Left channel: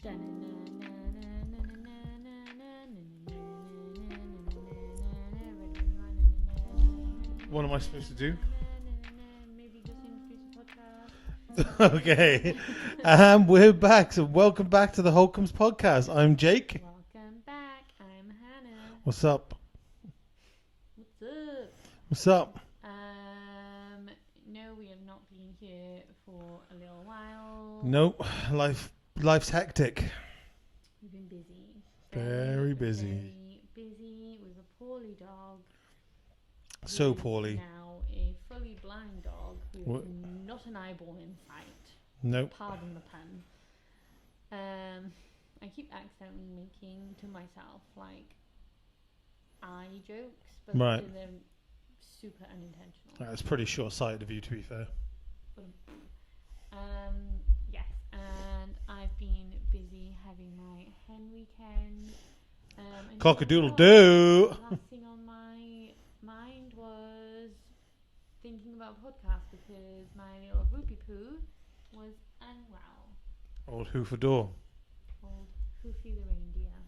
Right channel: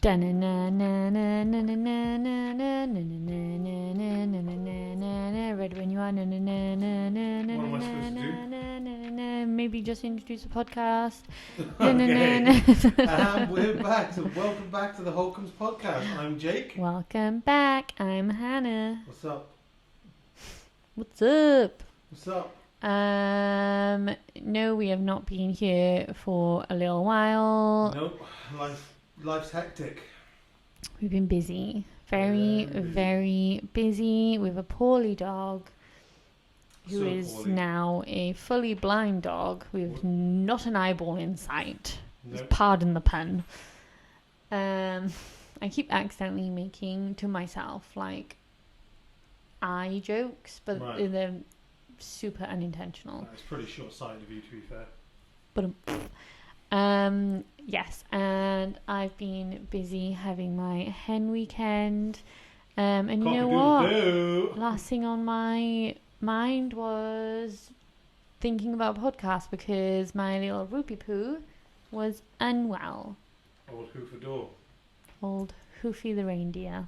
Ready when you are. What am I supposed to do? Maybe just introduce a podcast. Okay. We're back. So welcome back to the Holcombes podcast. I'm Jake. Welcome back. I'm Hannah. What's up? What's up? What's up? No, we have not been here for a little while. Nope. Life's hectic. We've been busy. Very busy with a poorly dog. So who poorly. Is now a fully blind dog with not an eyeball in sight. Nope. Pardon the pun. I keep accidentally making to myself like eye jokes, but Right. they're super unintentional. It's pretty short-sighted of you, to be fair. But yes, and I've been busy having my hen weekend. And you know what? Cock-a-doodle-doo. Last thing on my mind was thinking about a podcast because my little Rupert poo was unwell. Old Hoofidoor. Old Hoofy the reindeer.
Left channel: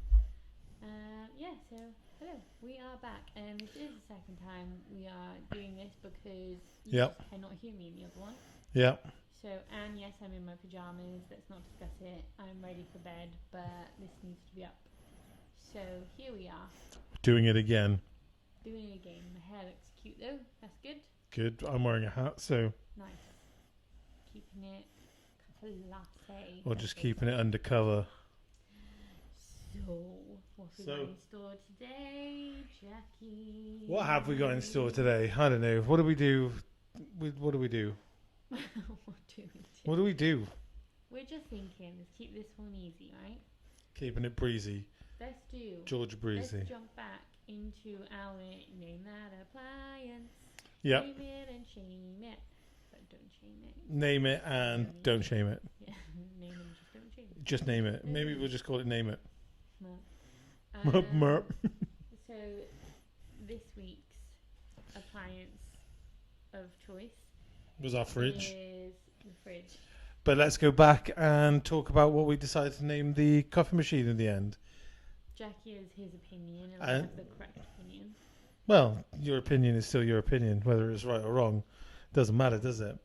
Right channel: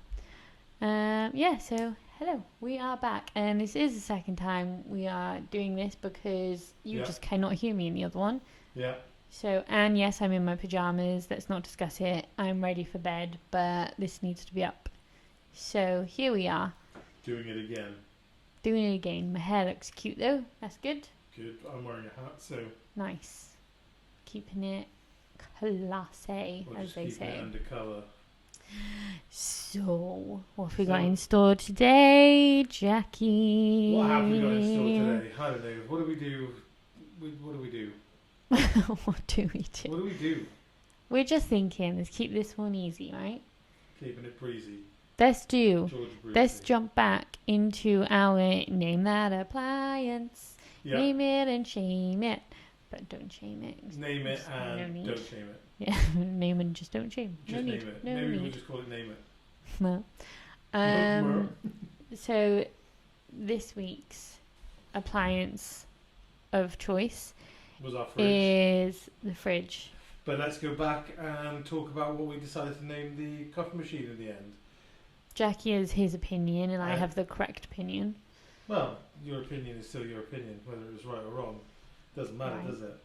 So hello, we are back, and this is the second time we are doing this because you just cannot hear me in the other one. Yeah. So, and yes, I'm in my pajamas. Let's not discuss it. I'm ready for bed, but this needs to be up. So here we are. Doing it again. Doing it again. My hair looks cute though. That's good. Good. I'm wearing a hat, so... Nice. Keeping it classy. Or just keeping it undercover. So, what have we got in store today, Jackie? What have we got in store today? I don't know. What do we do? What do we do? What do we do? What do we do? We're just thinking, let's keep this one easy, right? Keeping it breezy. Let's do. George Breezy. Let's jump back into our name that appliance. Yep. Name it and shame it. But don't shame it. Name it No and need. don't shame it. Yeah, name and just don't shame. Just No name need. it. No Maybe need. we'll just call it Name It. Well, Mer. so this week's appliance of choice Was our fridge. is the fridge. But let's go back and talk about what we decided to name the coffee machine in the end. Jackie has his opinion, and I have the correct opinion. Well, your opinion is still your opinion, whether it's right or wrong. Doesn't matter, Right. does it?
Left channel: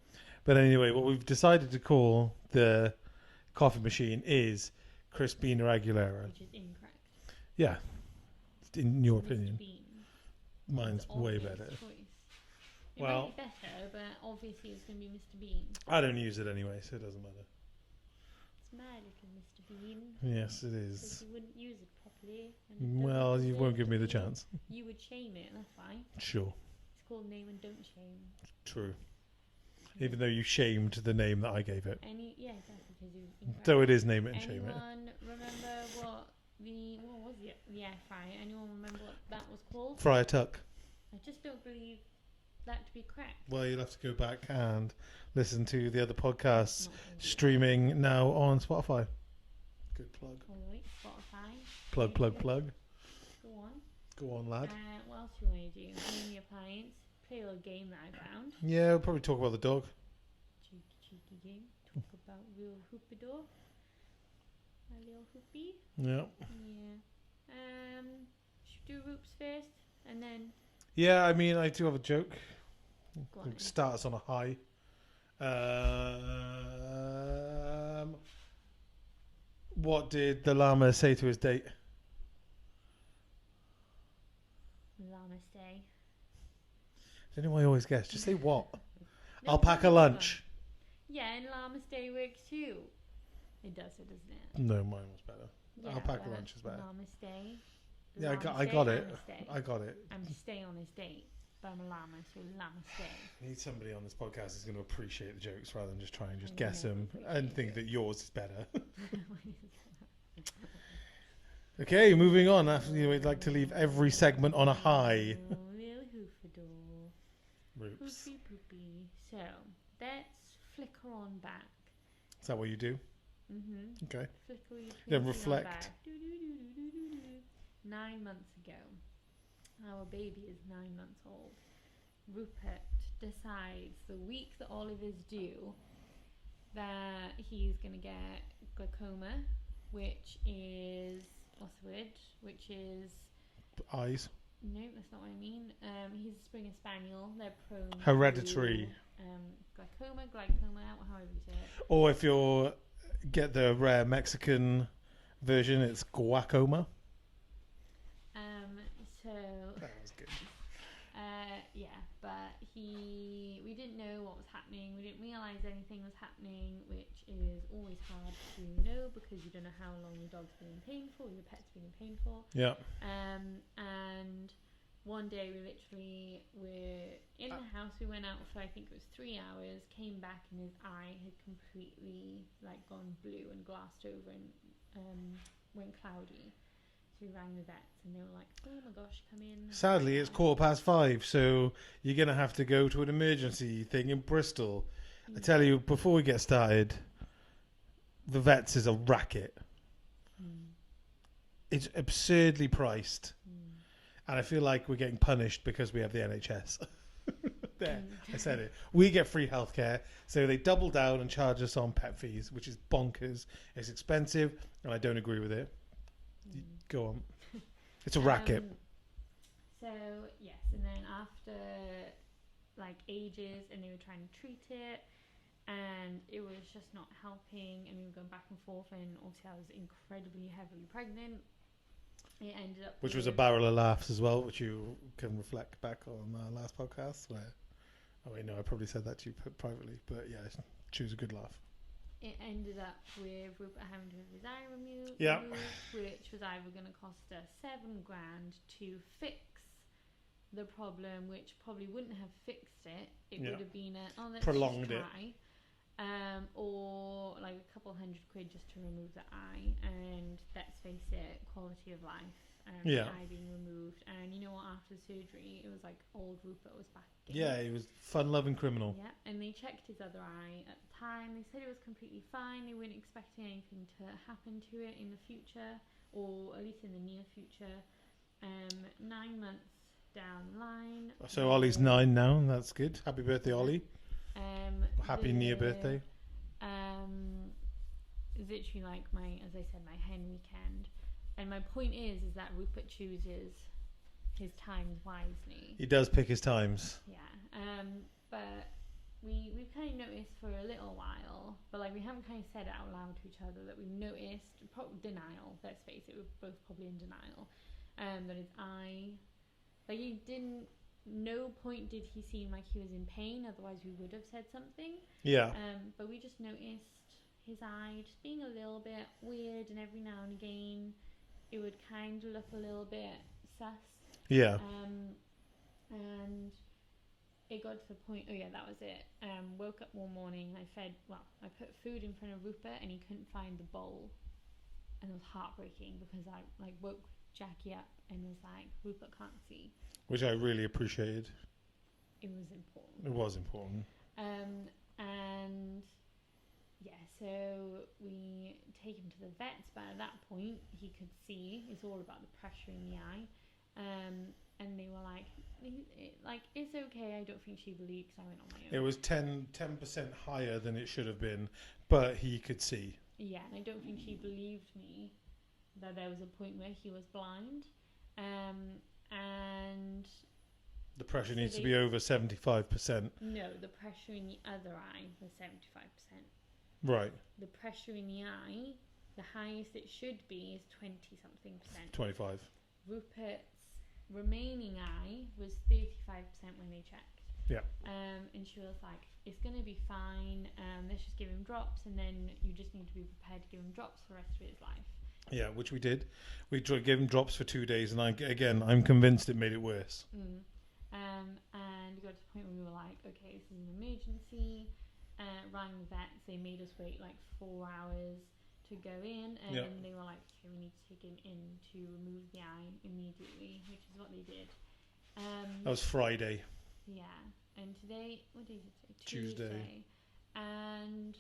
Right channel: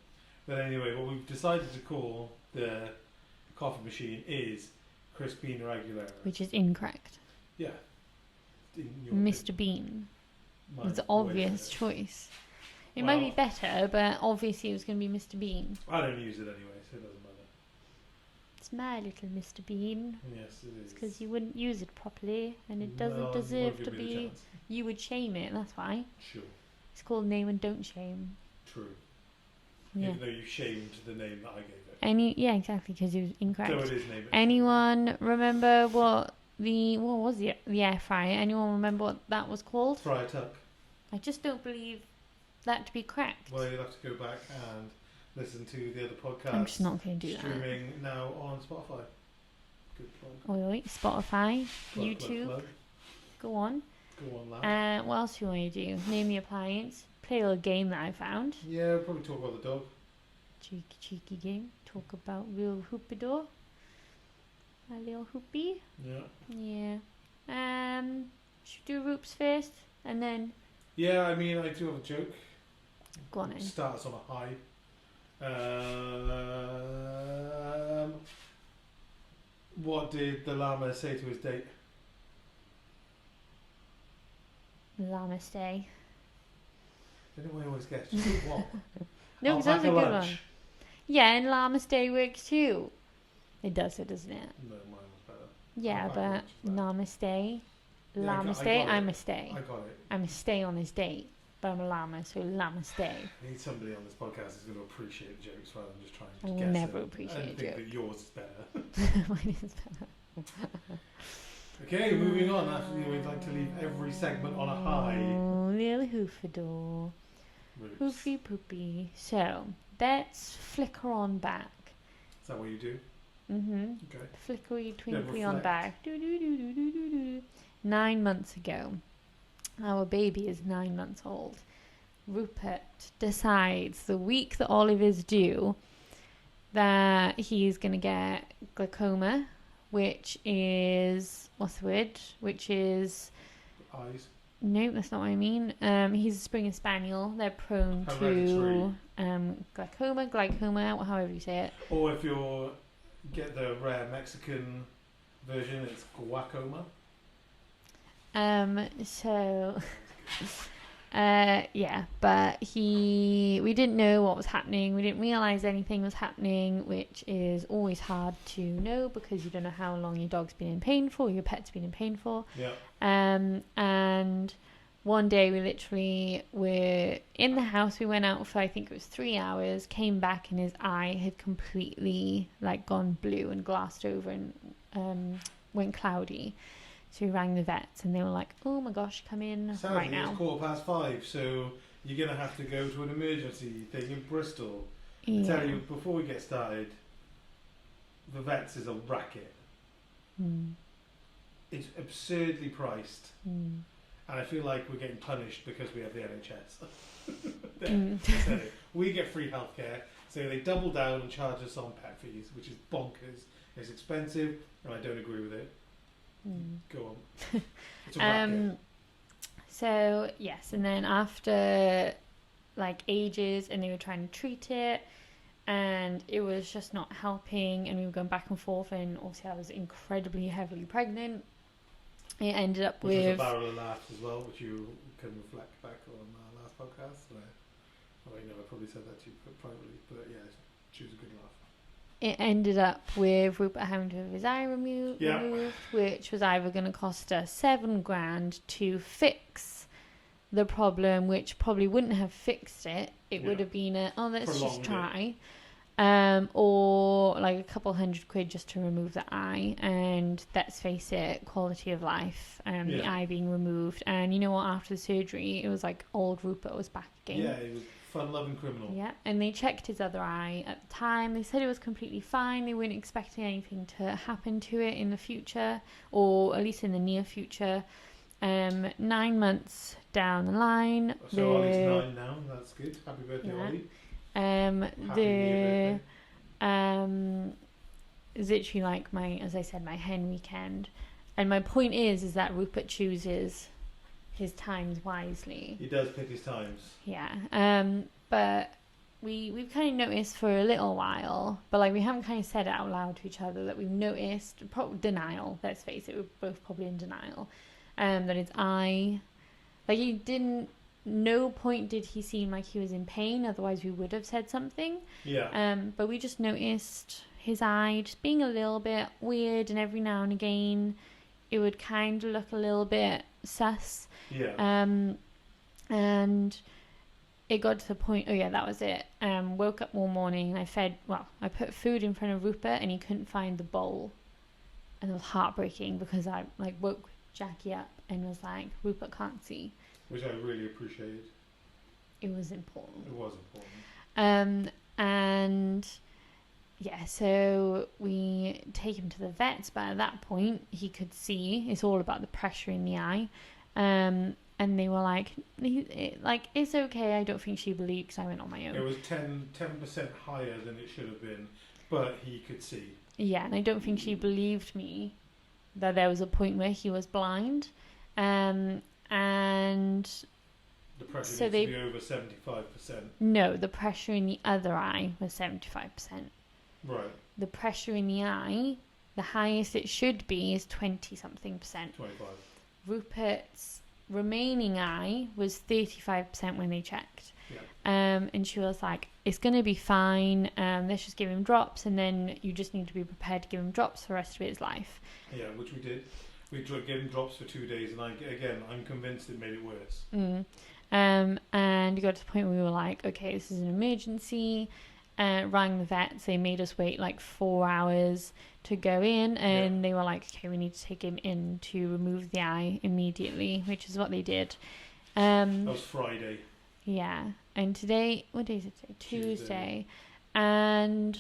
But anyway, what we've decided to call the coffee machine is Crispina Aguilera. Which is incorrect. Yeah. In your Mr. opinion. Bean. Mine's It's an way obvious better. choice. It might be better, but obviously it was going to be Mr. Bean. I don't use it anyway, so it doesn't matter. It's my little Mr. Bean. Yes, it is. Because you wouldn't use it properly, and it doesn't Well, deserve you won't give to me the be- chance. You would shame it, that's why. Sure. It's called name and don't shame. True. Yeah. Even though you shamed the name that I gave it. Yeah, exactly, because it was incorrect. Though it is Name It. and Shame It. Anyone remember what was the air fryer? Anyone remember what that was called? Fry a tuck. I just don't believe that to be correct. Well, you'll have to go back and listen to the other I'm podcasts just not going to do streaming now on Spotify. Good plug. that. Wait, Spotify, Plug, YouTube. plug. Go on. Go on, lad. What else do you want to do? Name the appliance. Play a little game that I found. Yeah, we'll probably talk about the dog. Cheeky game. Talk about real Hoofidoor. A little hoopy. Yeah. Yeah. Should we do Roops first? And then Yeah, I mean, I do have a joke. go on then. Start us on a high. What did the llama say to his date? Namaste. I don't know why I always guess. Just say what? No, I'll that's pack a good lunch. one. Yeah, and Namaste works too. It does, doesn't it? No, mine was better. Yeah, pack a but lunch is better. Namaste. Yeah, I got Namaste, it. I'm a stay. I got it. I'm a stay on this date. But I'm a llama, so Namaste. I need somebody on this podcast who's going to appreciate the jokes rather than just try and I just will guess never them appreciate and a think joke. that yours is better. Mine is better. Okay, moving on. After we'd like to leave every segment on a high. Oh, little Hoofidoor. Roots. Hoofy poopy. So, let's flicker on back. Is that what you do? Mm-hmm. Okay. Flickery Yeah, twinkly on reflect. back. 9 months ago. Our baby is 9 months old. Rupert decides the week that Olive is due that he's going to get glaucoma which is, what's the word? Which is... Eyes. No, that's not what I mean. He's a Springer Spaniel. They're prone Hereditary. to glaucoma, however you say it. Or if you get the rare Mexican version, it's guacoma. But we didn't know what was happening. We didn't realize anything was happening, which is always hard to know because you don't know how long your dog's been in pain for, your pet's been in pain for. Yeah. And one day we literally were in the house. We went out for, I think it was 3 hours, came back and his eye had completely like gone blue and glassed over and went cloudy. So we rang the vets and they were like, oh my gosh, come in. Sadly, right it's now. 5:15, so you're going to have to go to an emergency thing in Bristol. Yeah. I tell you, before we get started, the vets is a racket. It's absurdly priced. And I feel like we're getting punished because we have the NHS. I said it. We get free healthcare, so they double down and charge us on pet fees, which is bonkers. It's expensive, and I don't agree with it. Go on. It's a racket. So yes, and then after like ages, and they were trying to treat it, and it was just not helping, and we were going back and forth, and also I was incredibly heavily pregnant. It ended up which was a barrel of laughs as well, which you can reflect back on our last podcast. Where, I probably said that to you privately, but yeah, choose a good laugh. It ended up with Rupert having to have his eye removed, which was either going to cost us $7,000 to fix the problem, which probably wouldn't have fixed it. It would have been let's just try. Or like a couple £100 just to remove the eye, and let's face it, quality of life, the eye being removed. And you know what, after the surgery, it was like old Rupert was back again. Yeah, he was fun-loving criminal. Yeah, and they checked his other eye at the time. They said it was completely fine. They weren't expecting anything to happen to it in the future, or at least in the near future. 9 months down the line. So Ollie's 9 now. That's good. Happy birthday, Ollie. Happy near birthday. Is literally like as I said, my hen weekend. And my point is that Rupert chooses his times wisely. He does pick his times. Yeah. But we've kind of noticed for a little while, but like we haven't kind of said it out loud to each other, that we've noticed denial. Let's face it, we're both probably in denial. That his eye, like he didn't. No point did he seem like he was in pain, otherwise we would have said something. Yeah. But we just noticed his eye just being a little bit weird, and every now and again it would kind of look a little bit sus. Yeah. And it got to the point, that was it. Woke up one morning and I put food in front of Rupert and he couldn't find the bowl. And it was heartbreaking because I like woke Jackie up and was like, Rupert can't see. Which I really appreciated. It was important. It was important. And yeah, so we take him to the vets, but at that point he could see. It's all about the pressure in the eye. And they were like, it's okay. I don't think she believed, because I went on my own. It was 10% higher than it should have been, but he could see. Yeah, and I don't think she believed me that there was a point where he was blind. And the pressure needs to be over 75%. No, the pressure in the other eye was 75%. Right. The pressure in the eye, the highest it should be is 20-something percent. 25. Rupert's remaining eye was 35% when they checked. Yeah. And she was like, it's going to be fine. Let's just give him drops, and then you just need to be prepared to give him drops for the rest of his life. Yeah, which we did. We gave him drops for 2 days, and I'm convinced it made it worse. And it got to the point where we were like, okay, this is an emergency. Rang the vets. They made us wait like 4 hours to go in, and they were like, okay, we need to take him in to remove the eye immediately, which is what they did. That was Friday. Yeah, and today, what day is it today? Tuesday. And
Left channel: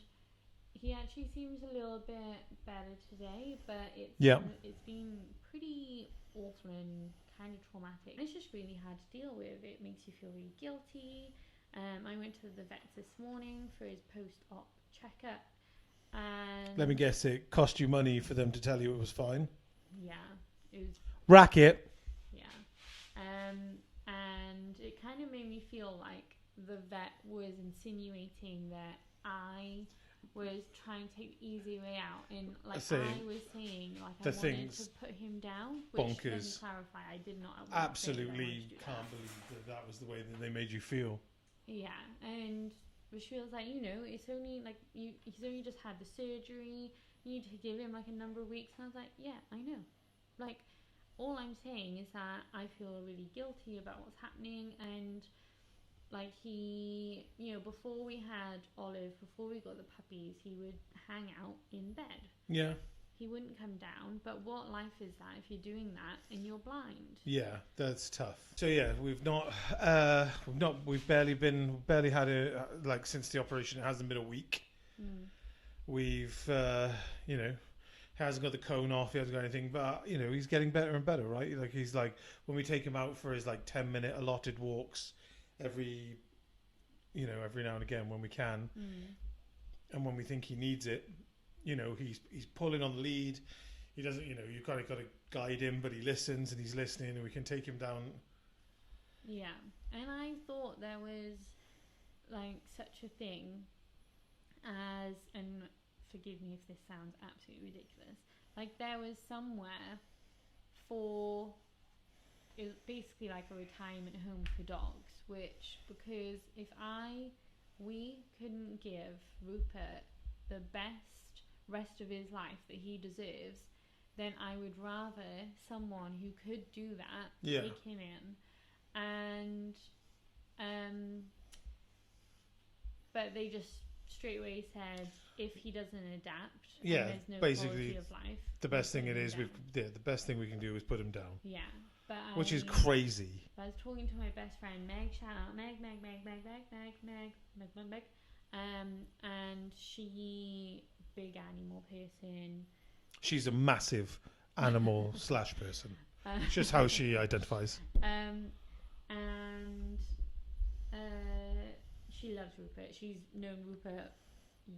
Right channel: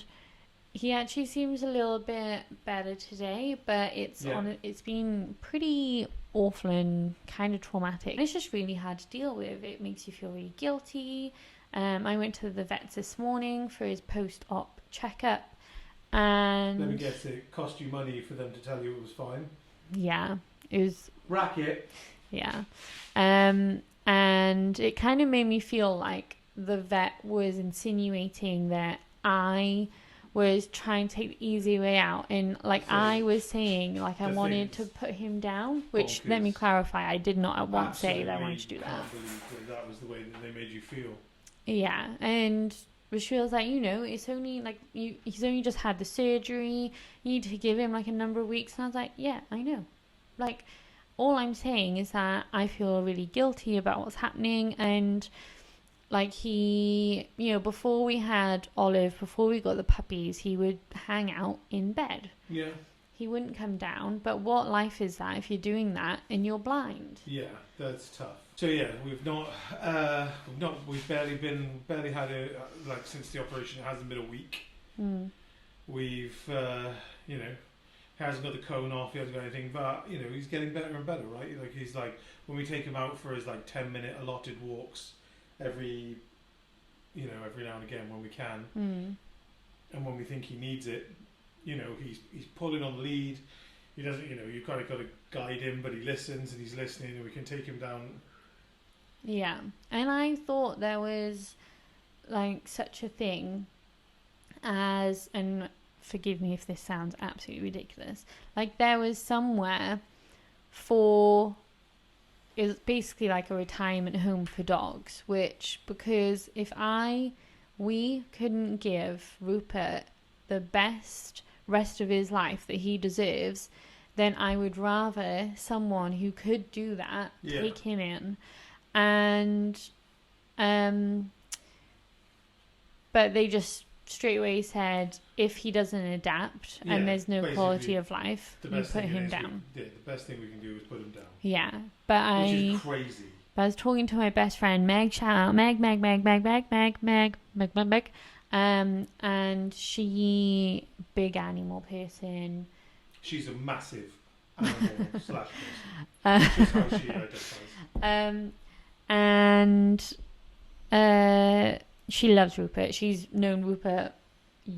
he actually seems a little bit better today, but it's been pretty awful and kind of traumatic. And it's just really hard to deal with. It makes you feel really guilty. I went to the vets this morning for his post-op checkup, And let me guess, it cost you money for them to tell you it was fine. Yeah, it was Racket. Yeah. And it kind of made me feel like the vet was insinuating that I was trying to take the easy way out. And like I was saying, like I wanted to put him down, which let me clarify, I did not at once say that I wanted to do that. Can't believe that was the way that they made you feel. Yeah. And she was like, it's only like he's only just had the surgery. You need to give him like a number of weeks. And I was like, yeah, I know. Like, all I'm saying is that I feel really guilty about what's happening. And like he, before we had Olive, before we got the puppies, he would hang out in bed. Yeah. He wouldn't come down. But what life is that if you're doing that and you're blind? Yeah, that's tough. So yeah, we've barely had since the operation, it hasn't been a week. We've, he hasn't got the cone off, he hasn't got anything, but, he's getting better and better, right? Like, he's like, when we take him out for his, 10-minute allotted walks every now and again when we can, and when we think he needs it, he's pulling on the lead. He doesn't, you kind of got to guide him, but he listens and he's listening, and we can take him down. Yeah, and I thought there was, such a thing as, and forgive me if this sounds absolutely ridiculous, there was somewhere it was basically like a retirement home for dogs, because if we couldn't give Rupert the best rest of his life that he deserves, then I would rather someone who could do that take him in. And but they just straight away said, if he doesn't adapt and there's no quality of life, the best put thing him down. The best thing we can do is put him down. Yeah, which is crazy. But I was talking to my best friend Meg. Shout out Meg, and she big animal person. She's a massive animal / person. Which is how she identifies. And she loves Rupert. She's known Rupert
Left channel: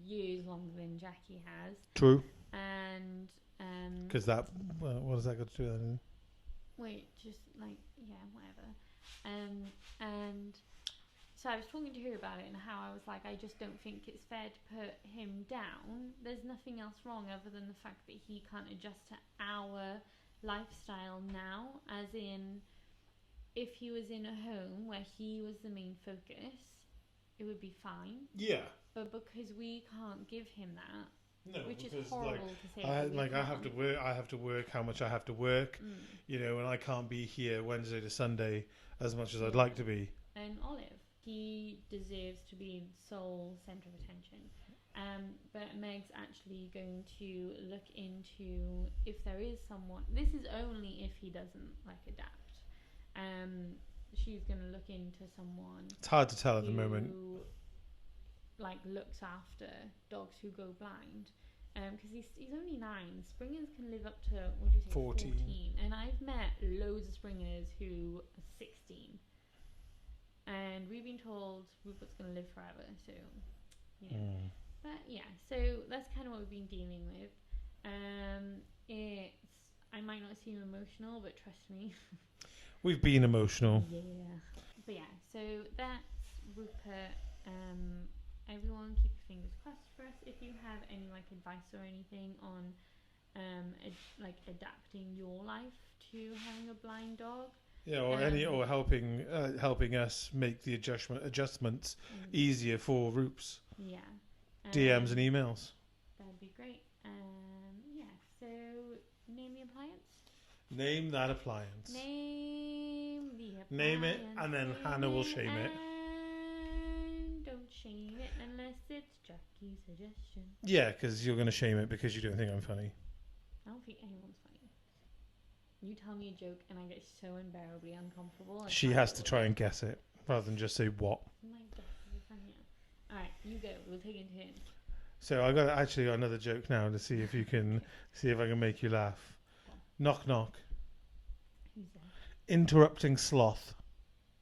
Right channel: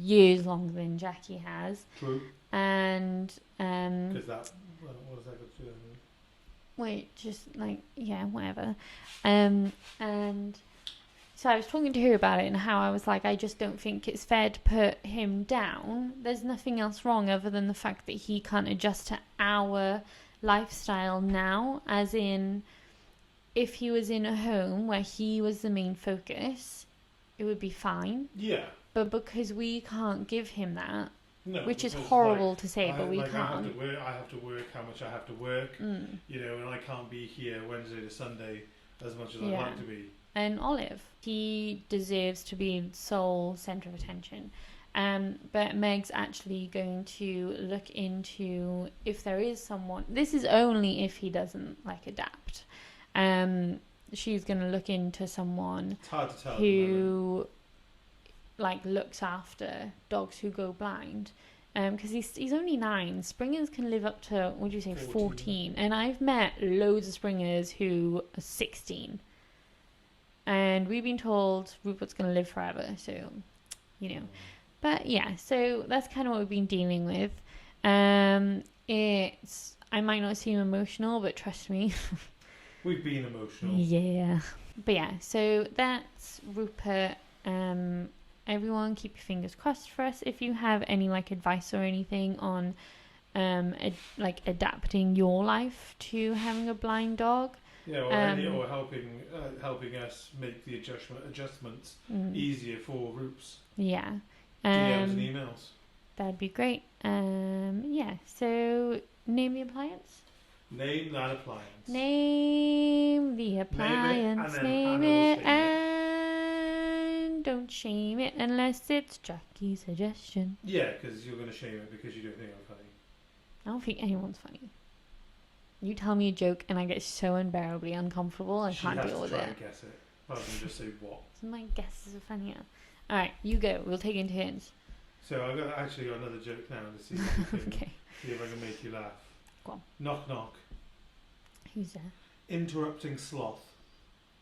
years longer than Jackie has. True. And because that what has that got to do with anything? Wait, just whatever. And so I was talking to her about it and how I was like, I just don't think it's fair to put him down. There's nothing else wrong other than the fact that he can't adjust to our lifestyle now, as in, if he was in a home where he was the main focus, it would be fine. Yeah. But because we can't give him that, which is because, horrible to say, but we can't. I have to work how much I have to work, and I can't be here Wednesday to Sunday as much as I'd like to be. And Olive, he deserves to be sole centre of attention. But Meg's actually going to look into if there is someone. This is only if he doesn't adapt. She's going to look into someone. It's hard to tell who looks after dogs who go blind. Because he's only 9. Springers can live up to 14. And I've met loads of Springers who are 16. And we've been told Rupert's going to live forever. So, But yeah, so that's kind of what we've been dealing with. I might not seem emotional, but trust me. We've been emotional. Yeah. But yeah, so that's Rupert. Everyone keep your fingers crossed for us. If you have any advice or anything on adapting your life to having a blind dog. Yeah, or helping us make the adjustments easier for Roops. Yeah. DMs and emails. That'd be great. Yeah, so name the appliance. Name that appliance. Name the appliance. Name it, and don't shame it unless it's Jackie's suggestion. Yeah, because you're going to shame it because you don't think I'm funny. I don't think anyone's funny. You tell me a joke and I get so unbearably uncomfortable. She has to try and guess it rather than just say what. My guesses are funnier. All right, you go. We'll take it into hints. So I've got actually another joke now to see if you can see if I can make you laugh. Go on. Knock knock. Who's there? Interrupting sloth.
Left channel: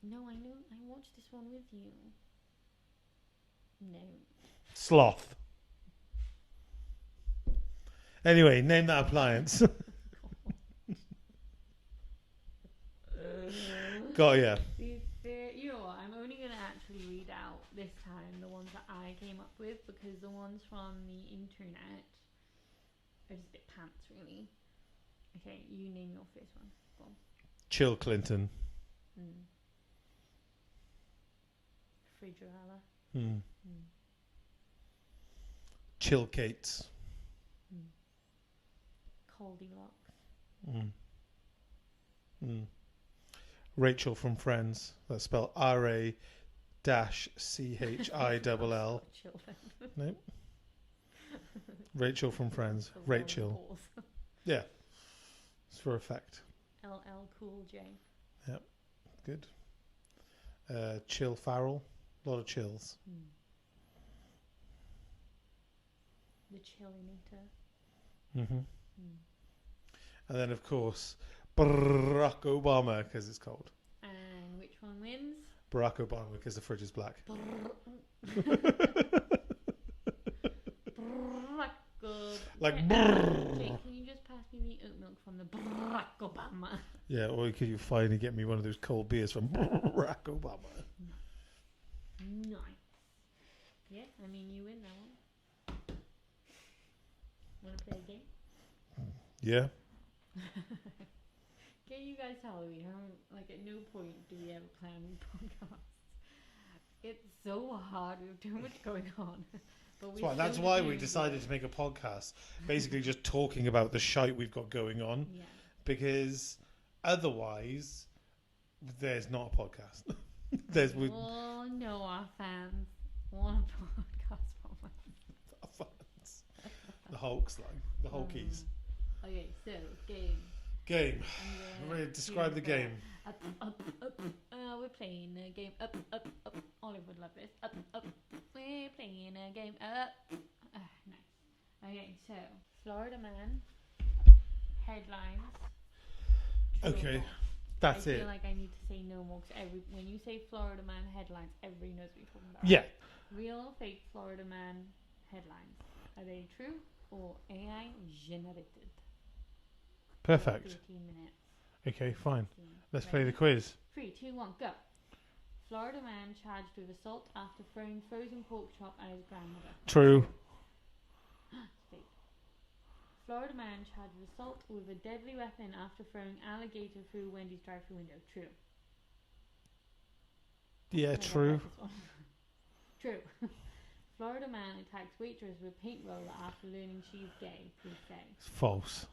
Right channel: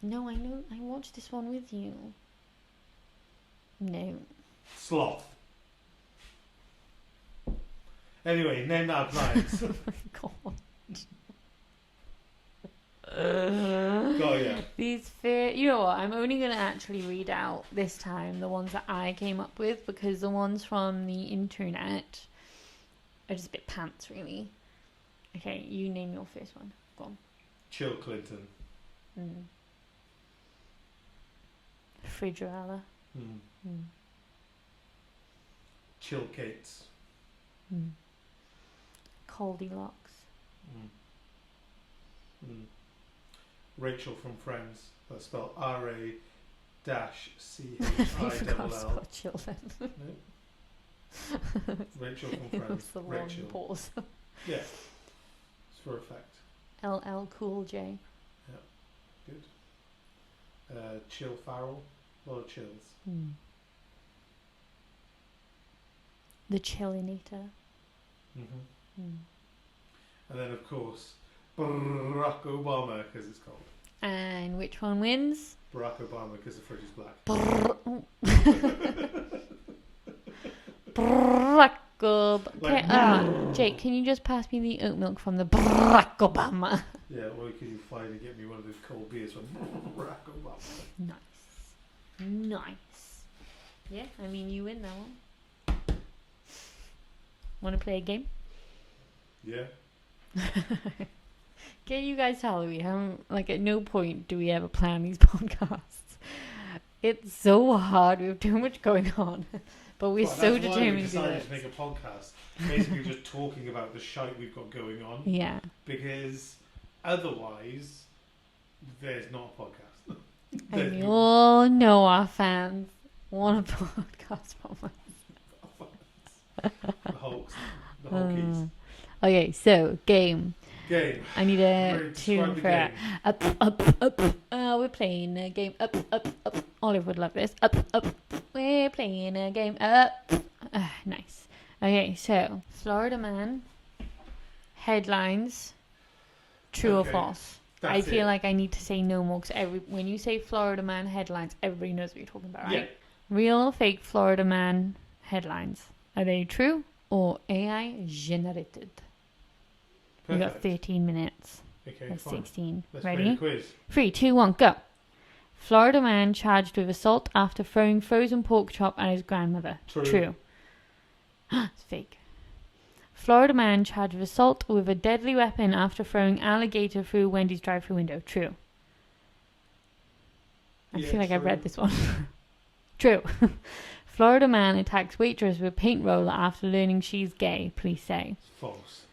No, I know. I watched this one with you. No. Sloth. Anyway, name that appliance. Got ya. You know what? I'm only going to actually read out this time the ones that I came up with, because the ones from the internet are just a bit pants, really. Okay, you name your first one. Go on. Chill Clinton. Fridgerella. Chill Cates. Goldilocks. Rachel from Friends. That's spelled R-A-C-H-I-L-L. Chill then. No. Rachel from Friends. Rachel. Pause. Yeah. It's for effect. LL Cool J. Yep. Good. Chill Farrell. A lot of chills. The Chillinator. And then, of course, Barack Obama, because it's cold. And which one wins? Barack Obama, because the fridge is black. Barack Obama. Jake, can you just pass me the oat milk from the Barack Obama? Yeah, or could you finally get me one of those cold beers from Barack Obama? Nice. Yeah, I mean, you win that one. Want to play a game? Yeah. Can you guys tell we haven't, like, at no point do we ever plan these podcasts. It's so hard. We have too much going on. But we're so determined to do it. That's why we decided to make a podcast. Basically just talking about the shite we've got going on. Yeah. Because otherwise, there's not a podcast. And we all know our fans want a podcast from us. The Hulkies. Okay, so game. I need a tune for it. Up. We're playing a game. Up. Olive would love this. Up. We're playing a game. Up. Nice. Okay, so Florida man. Headlines. True or false? I feel like I need to say no more, because when you say Florida man headlines, everybody knows what you're talking about, right? Yeah. Real or fake Florida man headlines? Are they true or AI generated? Perfect. We've got 13 minutes. Okay, fine. 16. Let's Ready? play the quiz. 3, 2, 1, go. Florida man charged with assault after throwing frozen pork chop at his grandmother. True. It's fake. Florida man charged with assault with a deadly weapon after throwing alligator through Wendy's drive-thru window. True. I feel like I've read this one. True. Florida man attacks waitress with paint roller after learning she's gay. Police say. False.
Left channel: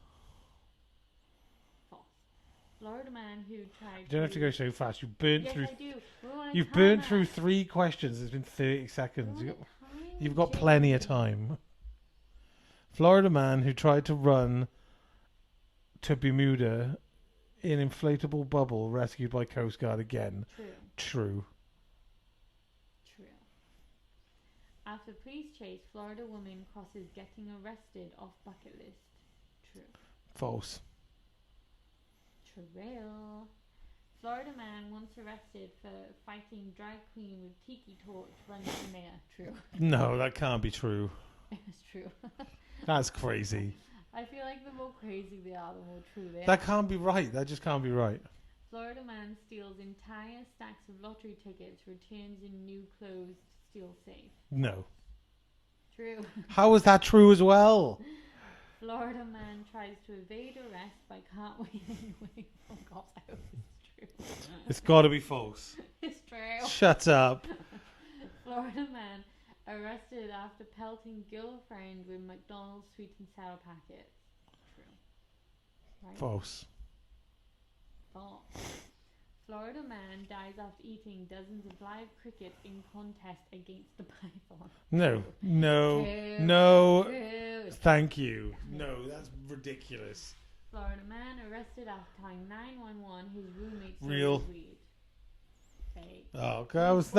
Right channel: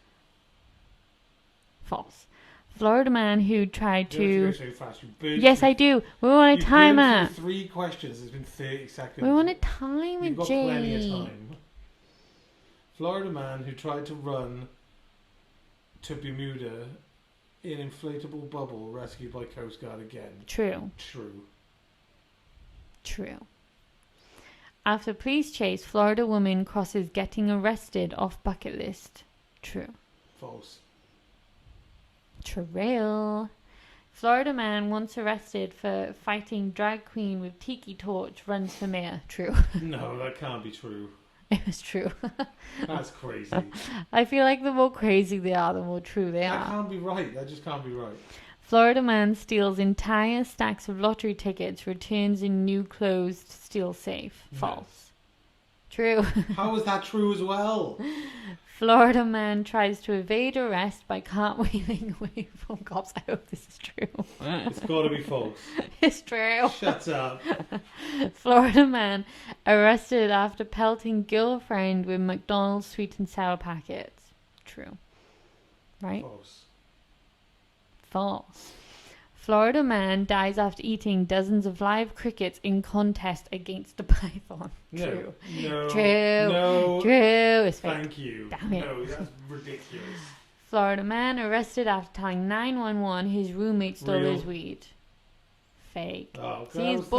Florida man who tried to... You don't have to go so fast. Yes, I do. We want a timer. You've been through 3 questions. It's been 30 seconds. We want a timer, You've got plenty of time. Florida man who tried to run to Bermuda in inflatable bubble rescued by Coast Guard again. True. After police chase, Florida woman crosses getting arrested off bucket list. True. False. True. Florida man once arrested for fighting drag queen with tiki torch runs for mayor. True. No, that can't be true. It was true. That's crazy. I feel like the more crazy they are, the more true they are. That can't be right. That just can't be right. Florida man steals entire stacks of lottery tickets, returns in new closed steel safe. False. No. True. How is that true as well? Florida man tries to evade arrest by cartwheeling away from cops. I hope this is true. It's got to be false. It's true. Shut up. Florida man arrested after pelting girlfriend with McDonald's sweet and sour packets. True. Right? False. Florida man dies after eating dozens of live crickets in contest against a python. No. True. No. True. No. True. Thank you. Damn it. No, that's ridiculous. Florida man arrested after telling 911 his roommate stole his weed. Fake. Oh, See, that was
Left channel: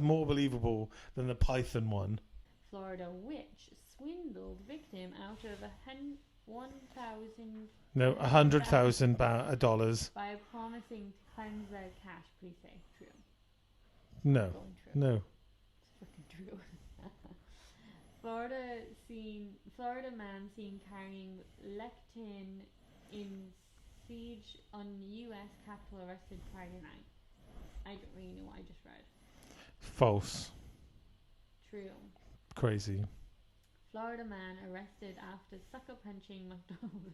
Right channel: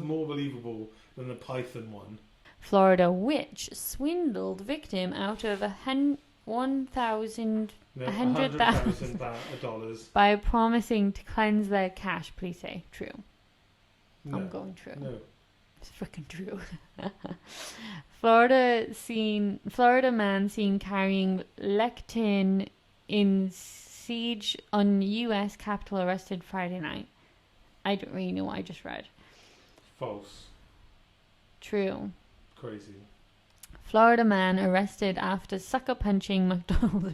more believable than the python one. Florida witch swindled victim out of $100,000 by promising to cleanse their cash. Please say true. No. I'm going true. No. It's freaking true. Florida man seen carrying lectin in siege on U.S. Capitol arrested Friday night. I don't really know what I just read. False. True. Crazy. Florida man arrested after sucker punching McDonald's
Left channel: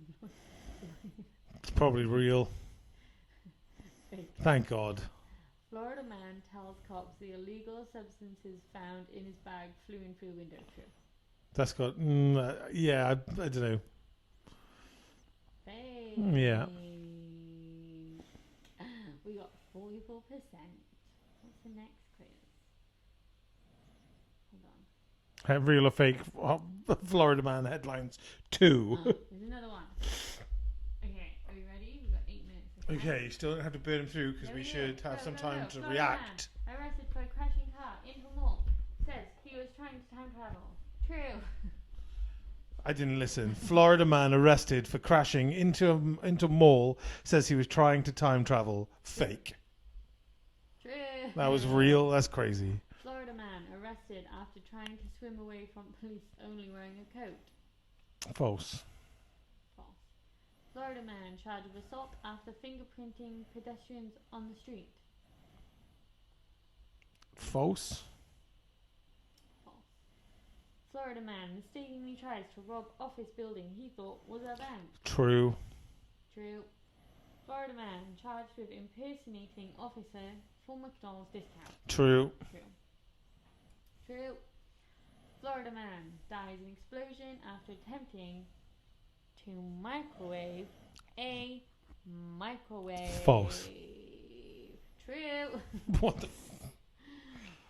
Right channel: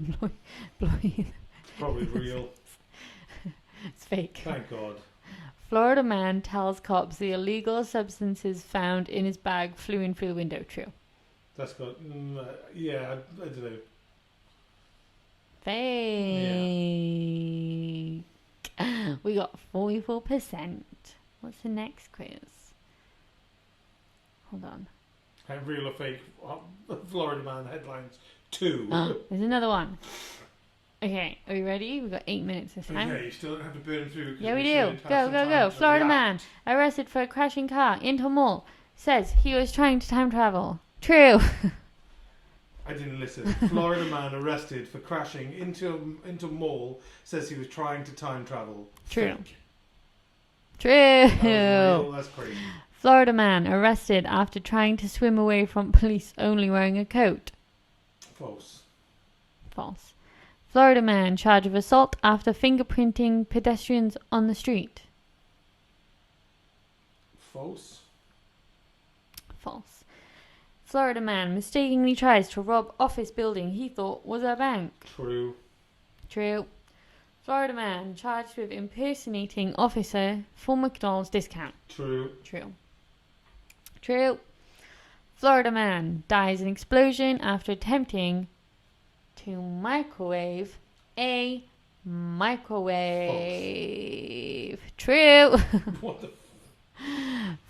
employee. It's probably real. It's fake. Thank God. Florida man tells cops the illegal substances found in his bag flew in through the window. True. That's got... yeah, I don't know. Fake. Yeah. We got 44%. What's the next quiz? Hold on. Real or fake Florida man headlines 2. There's another one. Okay, are we ready? We've got 8 minutes this time. Okay, you still don't have to burn through. Yeah, we do. Go. Florida man arrested for a crashing car into mall. Says he was trying to time travel. True. I didn't listen. Florida man arrested for crashing into mall. Says he was trying to time travel. True. Fake. True. That was real. That's crazy. Florida man arrested after trying to swim away from police only wearing a coat. False. False. Florida man charged of assault after fingerprinting pedestrians on the street. False. False. Florida man mistakenly tries to rob office building he thought was a bank. True. True. Florida man charged with impersonating officer for McDonald's discount. True. True. True. Florida man dies in explosion after attempting to microwave a microwave. False. True. What the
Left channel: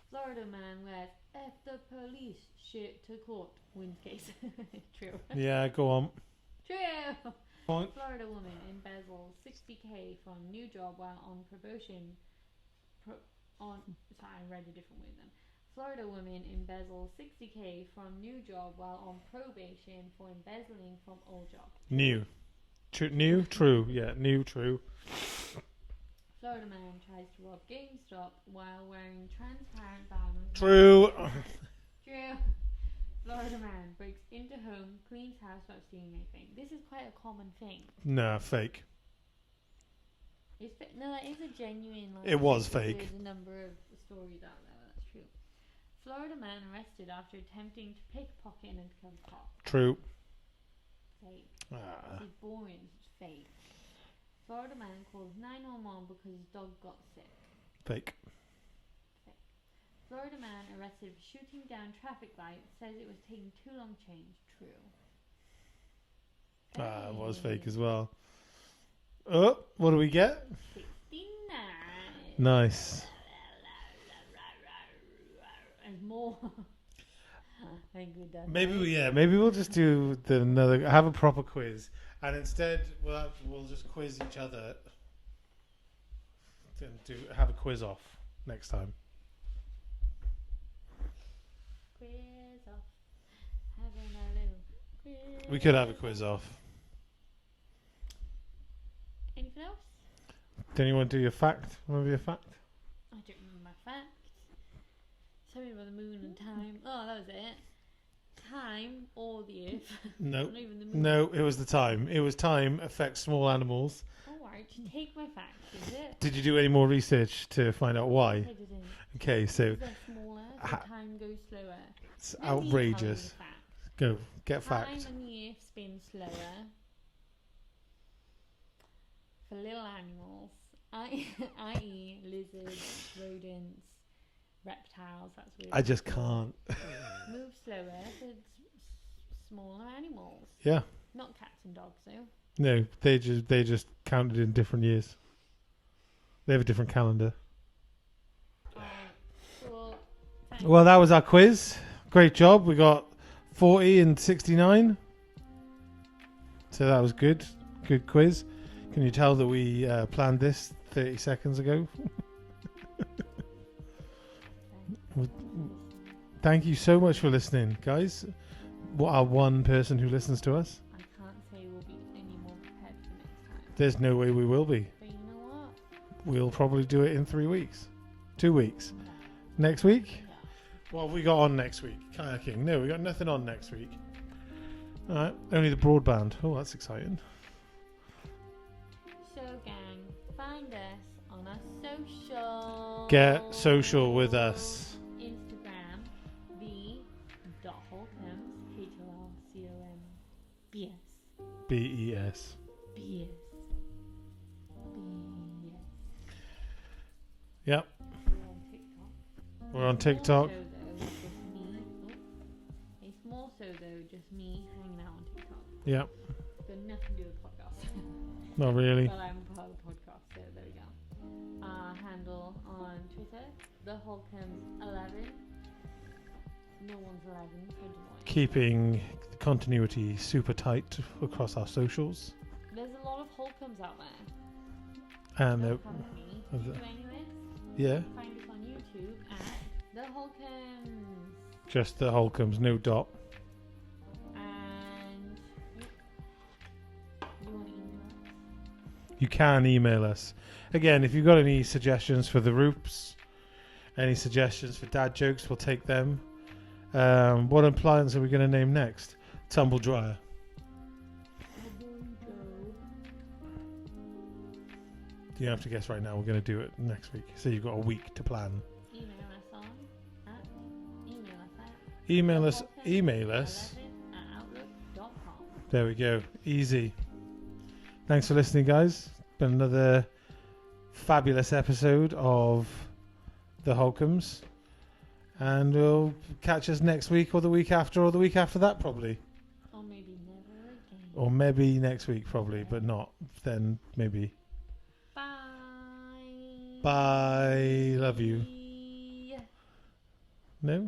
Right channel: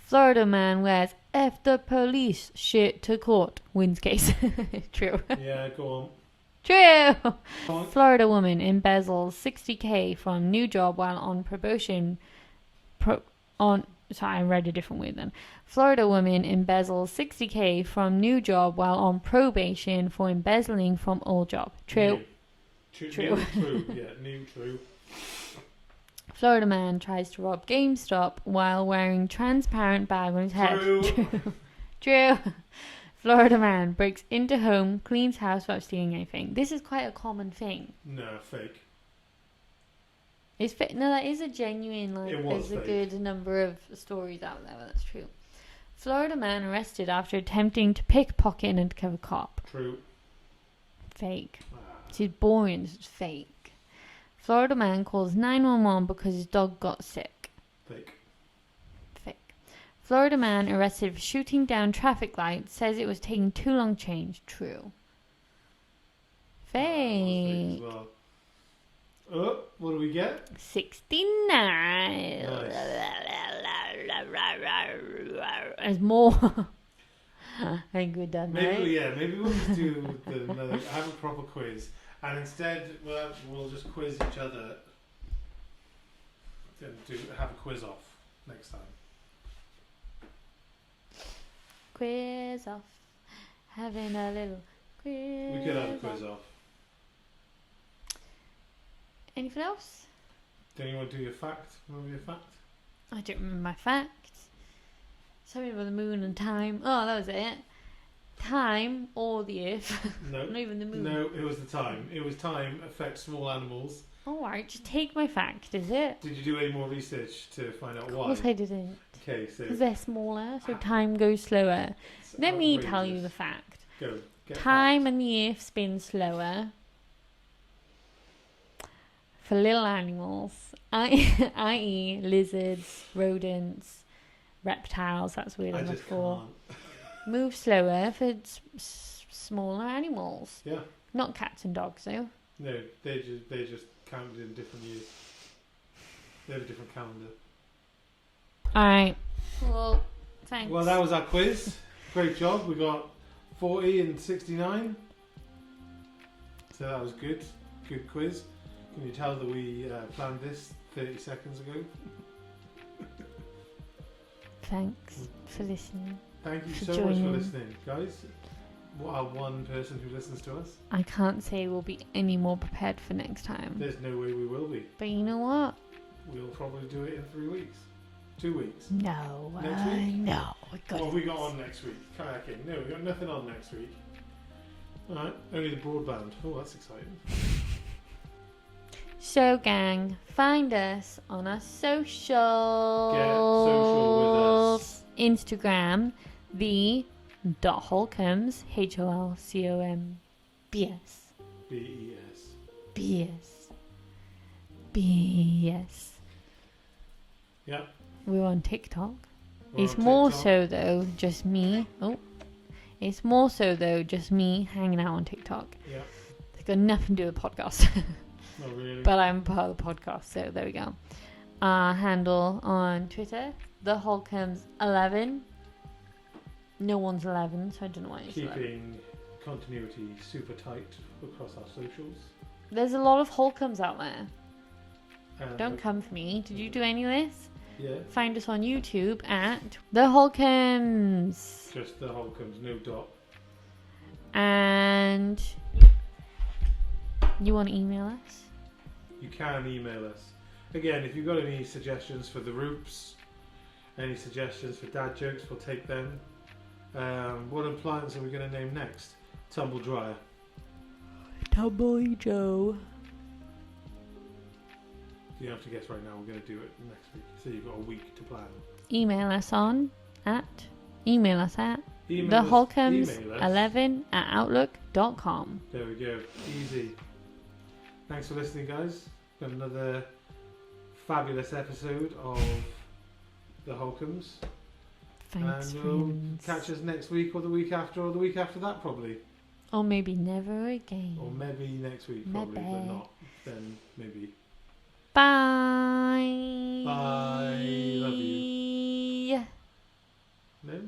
Florida man wears F the police shit to court. Wins case. True. Yeah, go on. True. Go on. Florida woman embezzles $60,000 from new job while on probation. Sorry, I read a different word then. Florida woman embezzles $60,000 from new job while on probation for embezzling from old job. True. True. New, true. Yeah, new, true. Florida man tries to rob GameStop while wearing transparent bag on his head. True. True. Florida man breaks into home, cleans house without stealing anything. This is quite a common thing. No, fake. It's no, that is a genuine. Like, it was fake. There's a number of stories out there, but that's true. Florida man arrested after attempting to pickpocket an undercover cop. True. Fake. She's boring. It's fake. Florida man calls 911 because his dog got sick. Fake. Fake. Florida man arrested for shooting down traffic lights. Says it was taking too long to change. True. Fake. It was fake as well. Oh, what do we get? 69. Nice. There's more. I think we're done. Maybe we'll just do have a proper quiz, and instead we'll just quiz each other. Have a quiz off next time. Quiz off. Having a little quiz. We could have a quiz off. Anything else? Then you want to do your fact? Remember your fact? I don't remember my facts. Something about the moon and time. Oh, that was it. Time or the earth. No. Not even the moon. No, it was the time. It was time affects small animals. Alright, just take my fact, is it? Did you do any more research to find out why? Of course I didn't. Okay, so... Because they're smaller, so time goes slower. Let me tell you the fact. Go, get Time fact. and the earth spin slower for little animals, i.e. lizards, rodents, reptiles, that's weird. I just can't. Move slower for smaller animals. Yeah. Not cats and dogs, though. No, they just counted in different years. They have a different calendar. Alright. Cool. Thanks. Well, that was our quiz. Great job. We got 40 and 69. So that was good. Good quiz. Can you tell that we planned this 30 seconds ago? Thanks for listening. Thank you so much for listening, guys. Our one person who listens to us. I can't say we'll be any more prepared for next time. There's no way we will be. But you know what? We'll probably do it in 3 weeks. 2 weeks. No. Next week? No. God. What have we got on next week? Kayaking. No, we got nothing on next week. Alright, only the broadband. Oh, that's exciting. So, gang, find us on our social. Get social with us. Instagram, the.Holcombes, HOLCOMBS. BES. BS. Yep. We're on TikTok. We're It's on more TikTok. so though just me. It's more so though just me hanging out on TikTok. Yeah. It's got nothing to do with podcasts. Not really. But I'm part of the podcast, so there we go. Our handle on Twitter, theHolcombes11. No one's 11, so I don't know why. Keeping continuity super tight across our socials. There's a lot of Holcombes out there. And Don't come for me. Did you do any of this? Yeah. Find us on YouTube at theHolcombes. Just the Holcombes, no dot. And you want to email us? You can email us. Again, if you've got any suggestions for the Rupes, any suggestions for dad jokes, we'll take them. What appliance are we going to name next? Tumble dryer. Tumble Joe. You don't have to guess right now. We're going to do it next week. So you've got a week to plan. Email us at Email us. theHolcombes11@outlook.com. There we go. Easy. Thanks for listening, guys. Been another fabulous episode of the Holcombes. And we'll catch us next week or the week after or the week after that probably. Or maybe never again. Or maybe next week probably, Maybe. but not. Then maybe. Bye. Bye. Love you. No?